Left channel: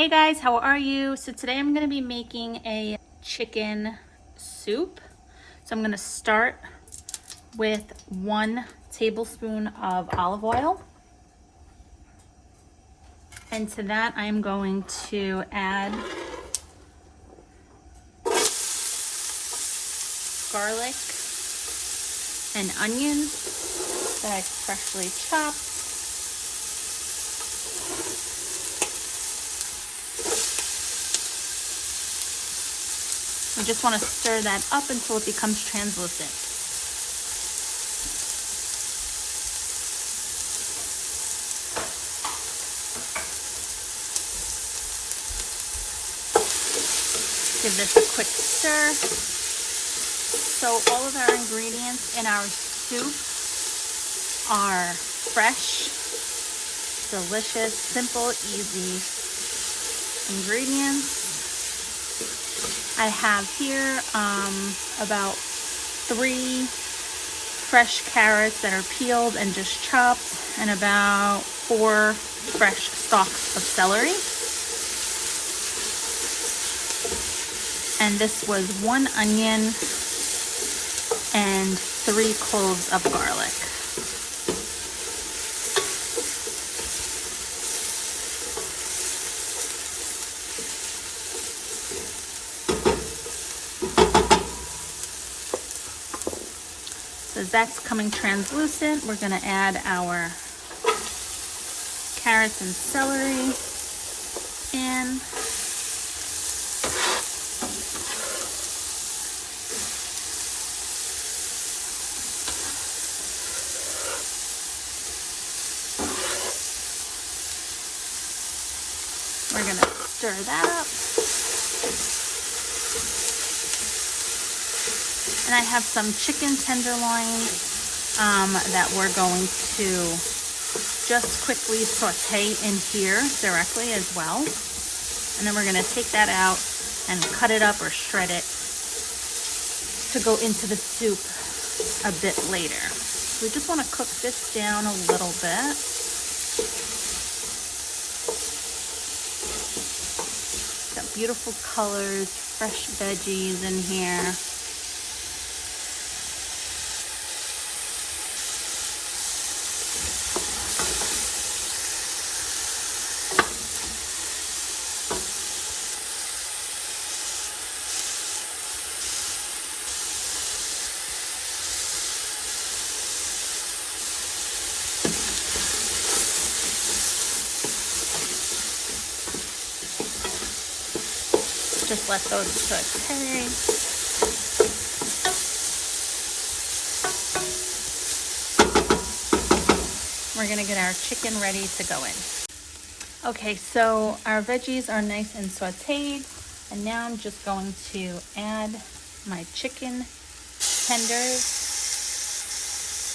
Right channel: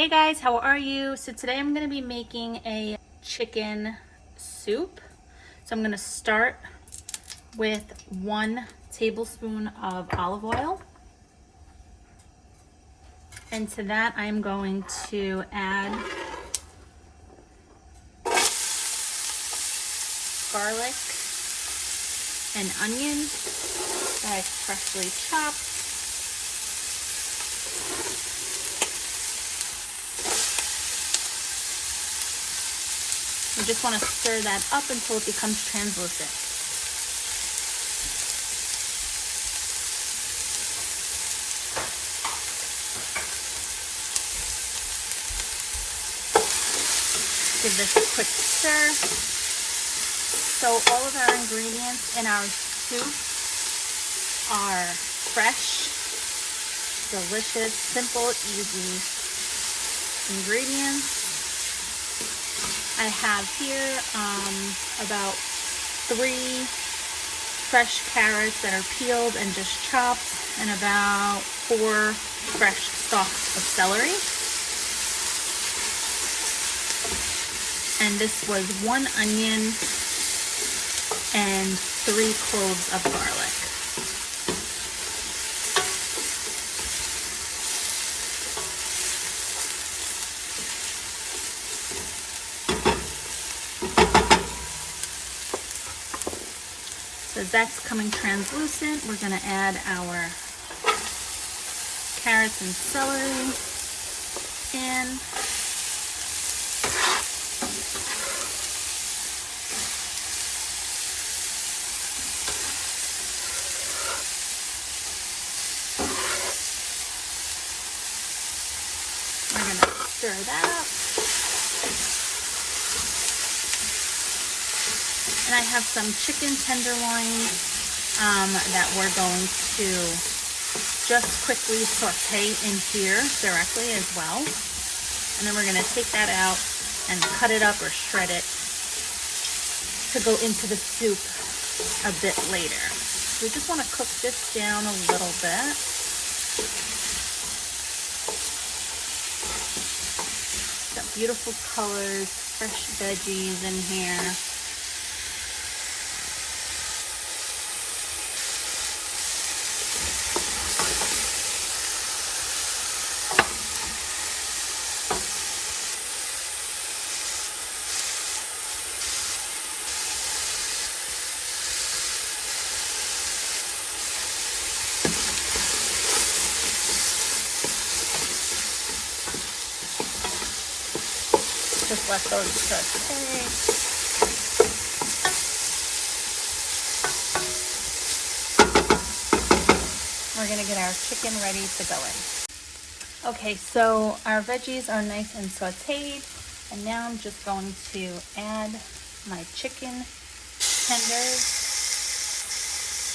Hey guys, how are you? So today I'm going to be making a chicken soup. So I'm going to start with 1 tablespoon of olive oil. And to that I'm going to add garlic and onion that I freshly chopped. I just want to stir that up until it becomes translucent. Give this a quick stir. So all of our ingredients in our soup are fresh, delicious, simple, easy ingredients. I have here about 3 fresh carrots that are peeled and just chopped, and about 4 fresh stalks of celery. And this was 1 onion and 3 cloves of garlic. As that's coming translucent, we're going to add our carrots and celery in. We're going to stir that up. And I have some chicken tenderloin that we're going to just quickly saute in here directly as well. And then we're going to take that out and cut it up or shred it to go into the soup a bit later. We just want to cook this down a little bit. Got beautiful colors, fresh veggies in here. We're going to get our chicken ready to go in. Okay, so our veggies are nice and sauteed, and now I'm just going to add my chicken tenders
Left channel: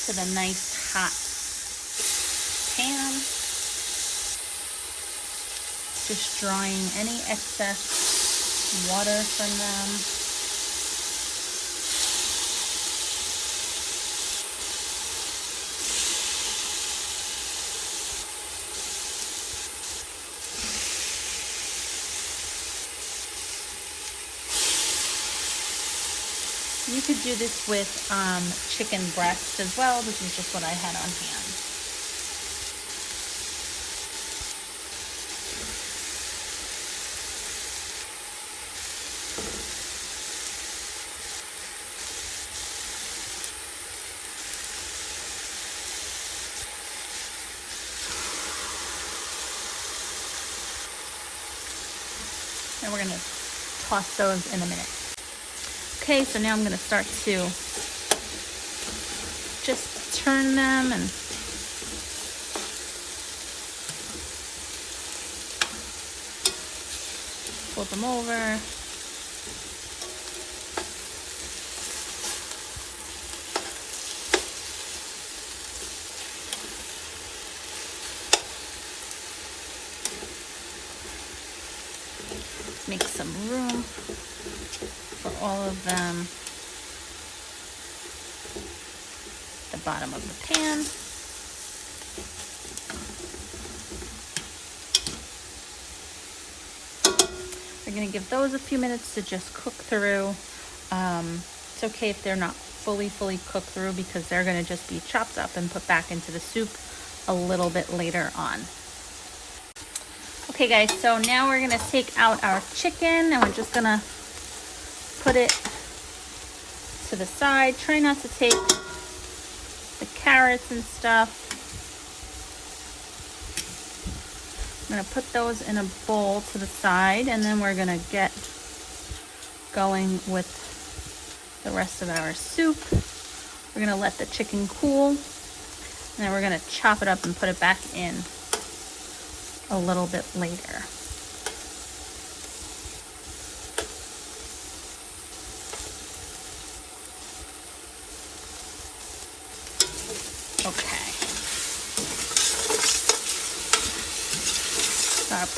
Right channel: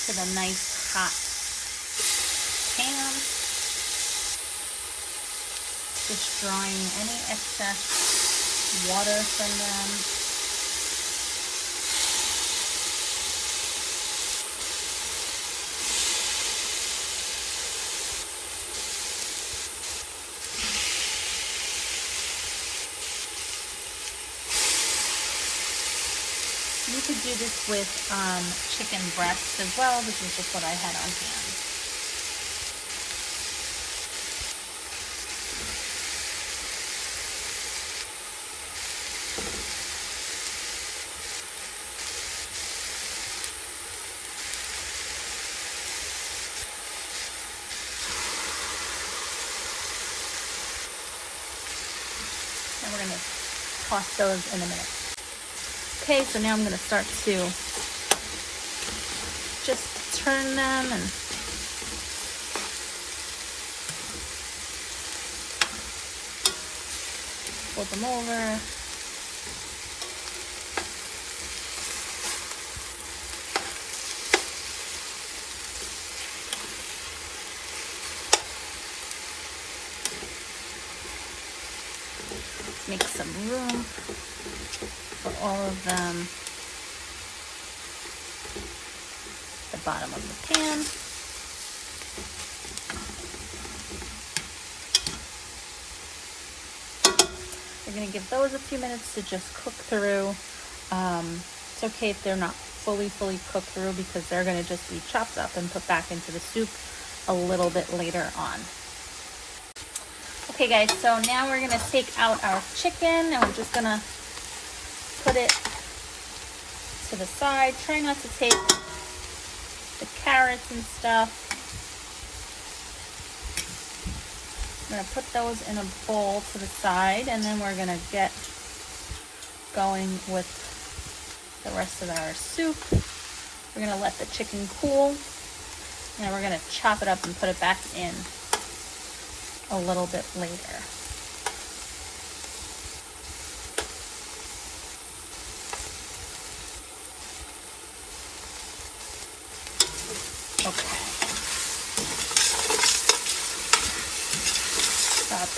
to the nice hot pan, just drawing any excess water from them. You could do this with chicken breasts as well. This is just what I had on hand. And we're going to toss those in a minute. Okay, so now I'm going to start to just turn them and flip them over. Make some room for all of them. The bottom of the pan. we're gonna give those a few minutes to just cook through. It's okay if they're not fully cooked through because they're gonna just be chopped up and put back into the soup a little bit later on. Okay guys, so now we're gonna take out our chicken and we're just gonna put it to the side. Try not to take the carrots and stuff. I'm gonna put those in a bowl to the side, and then we're gonna get going with the rest of our soup. We're gonna let the chicken cool, and then we're gonna chop it up and put it back in a little bit later.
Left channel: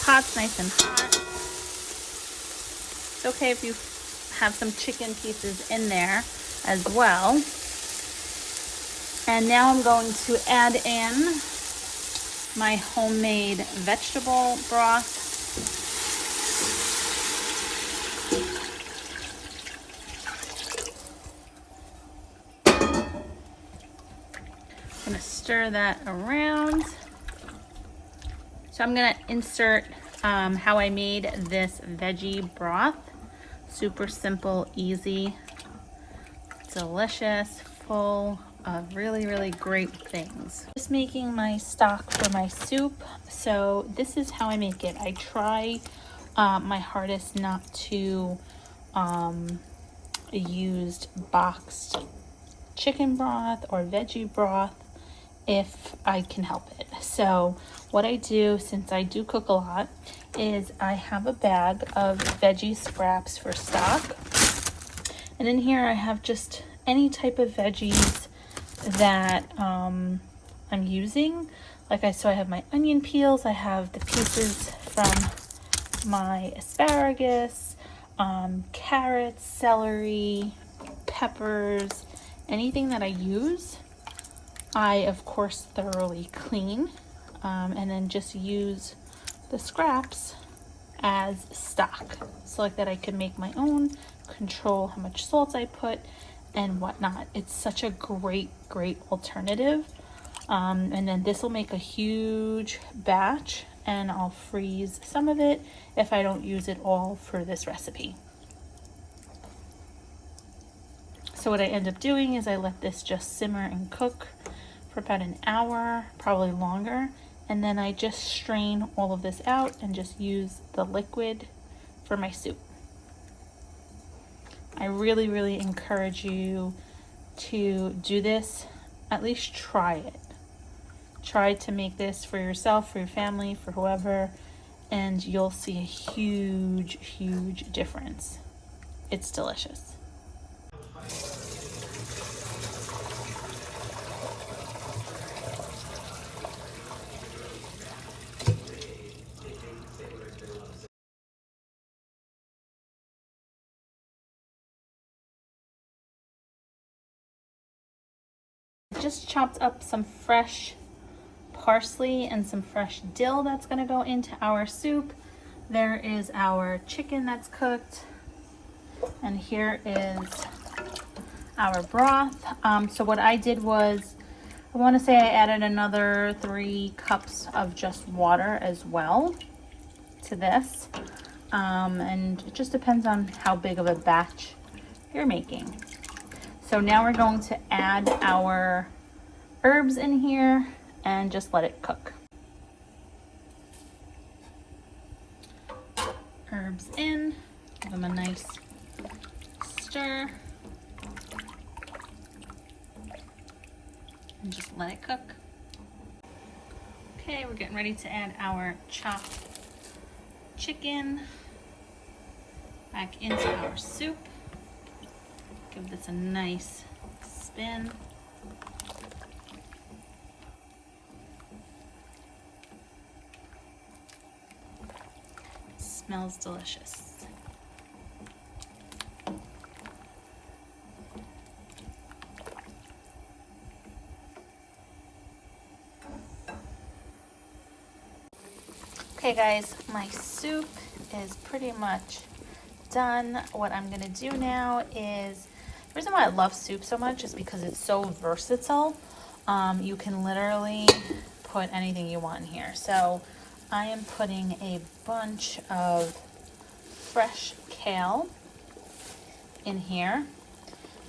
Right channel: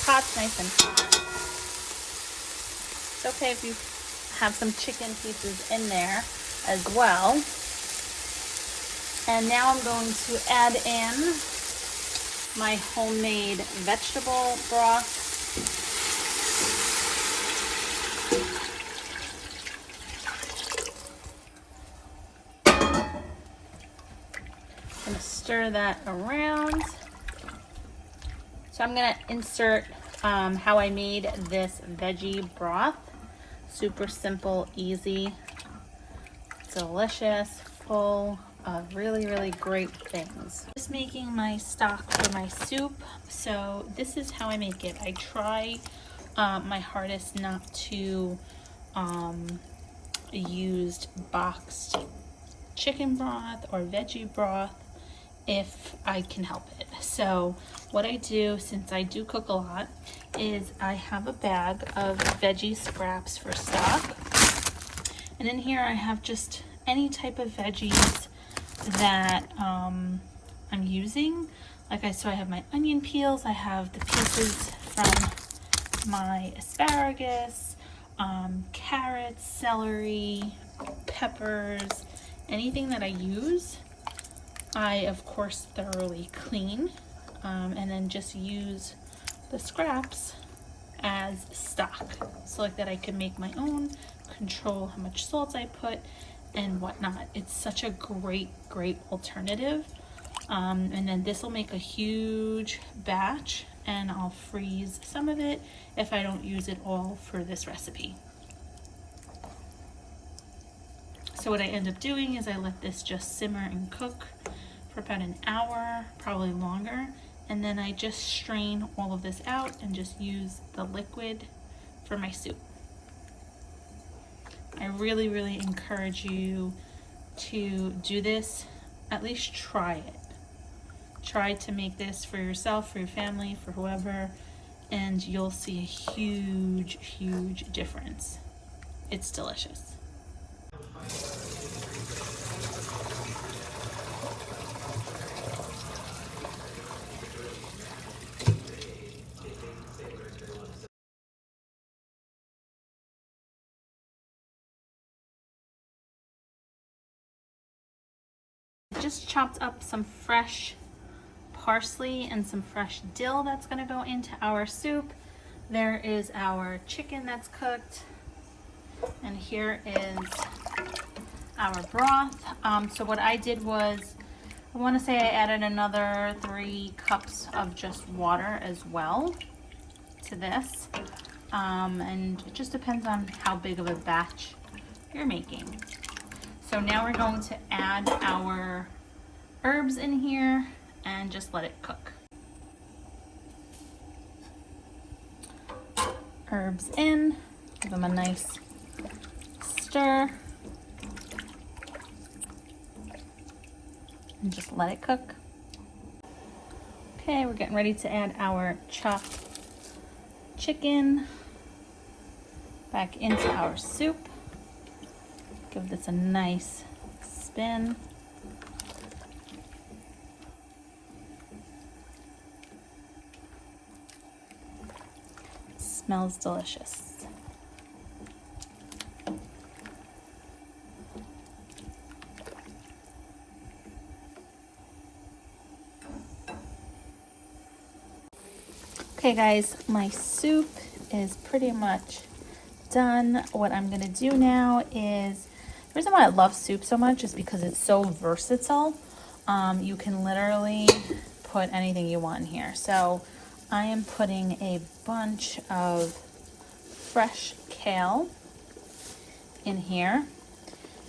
Pot's nice and hot. It's okay if you have some chicken pieces in there as well. And now I'm going to add in my homemade vegetable broth. And stir that around. So I'm gonna insert how I made this veggie broth. Super simple, easy, delicious, full of really great things. Just making my stock for my soup. So this is how I make it. I try my hardest not to use boxed chicken broth or veggie broth if I can help it. So what I do, since I do cook a lot, is I have a bag of veggie scraps for stock. And in here I have just any type of veggies that I'm using. So I have my onion peels, I have the pieces from my asparagus, carrots, celery, peppers, anything that I use. I, of course, thoroughly clean and then just use the scraps as stock so like that I can make my own, control how much salt I put and whatnot. It's such a great alternative. And then this will make a huge batch, and I'll freeze some of it if I don't use it all for this recipe. So what I end up doing is I let this just simmer and cook for about an hour, probably longer, and then I just strain all of this out and just use the liquid for my soup. I really encourage you to do this. At least try it. Try to make this for yourself, for your family, for whoever, and you'll see a huge difference. It's delicious. Just chopped up some fresh parsley and some fresh dill that's going to go into our soup. There is our chicken that's cooked, and here is our broth. So what I did was, I want to say I added another 3 cups of just water as well to this, and it just depends on how big of a batch you're making. So now we're going to add our herbs in here and just let it cook. Herbs in, give them a nice stir, and just let it cook. Okay, we're getting ready to add our chopped chicken back into our soup. Give this a nice spin. Smells delicious. Okay guys, my soup is pretty much done. What I'm gonna do now is, the reason why I love soup so much is because it's so versatile. You can literally put anything you want in here. So I am putting a bunch of fresh kale in here,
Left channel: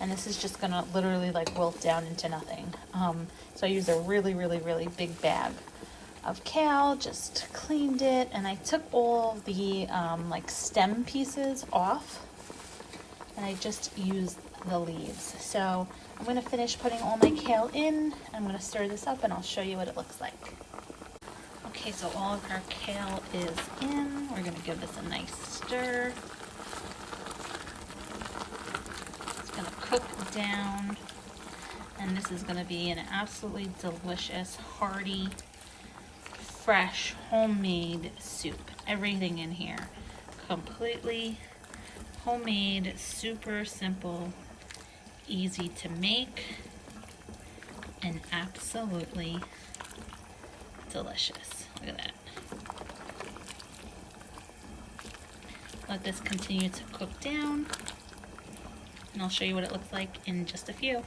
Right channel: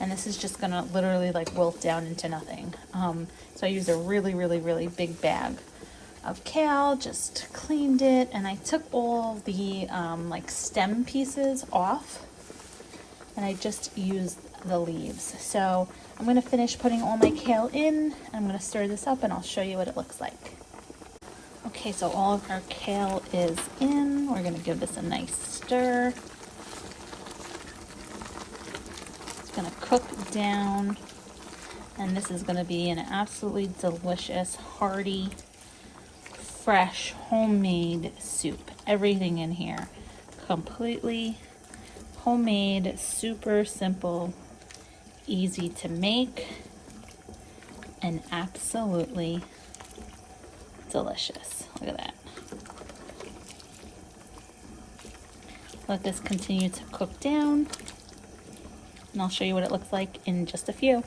and this is just gonna literally like wilt down into nothing. So I used a really big bag of kale, just cleaned it, and I took all the like stem pieces off, and I just used the leaves. So I'm gonna finish putting all my kale in. I'm gonna stir this up and I'll show you what it looks like. Okay, so all of our kale is in. We're gonna give this a nice stir. It's gonna cook down, and this is gonna be an absolutely delicious, hearty, fresh, homemade soup. Everything in here, completely homemade, super simple, easy to make, and absolutely delicious. Look at that. Let this continue to cook down, and I'll show you what it looks like in just a few.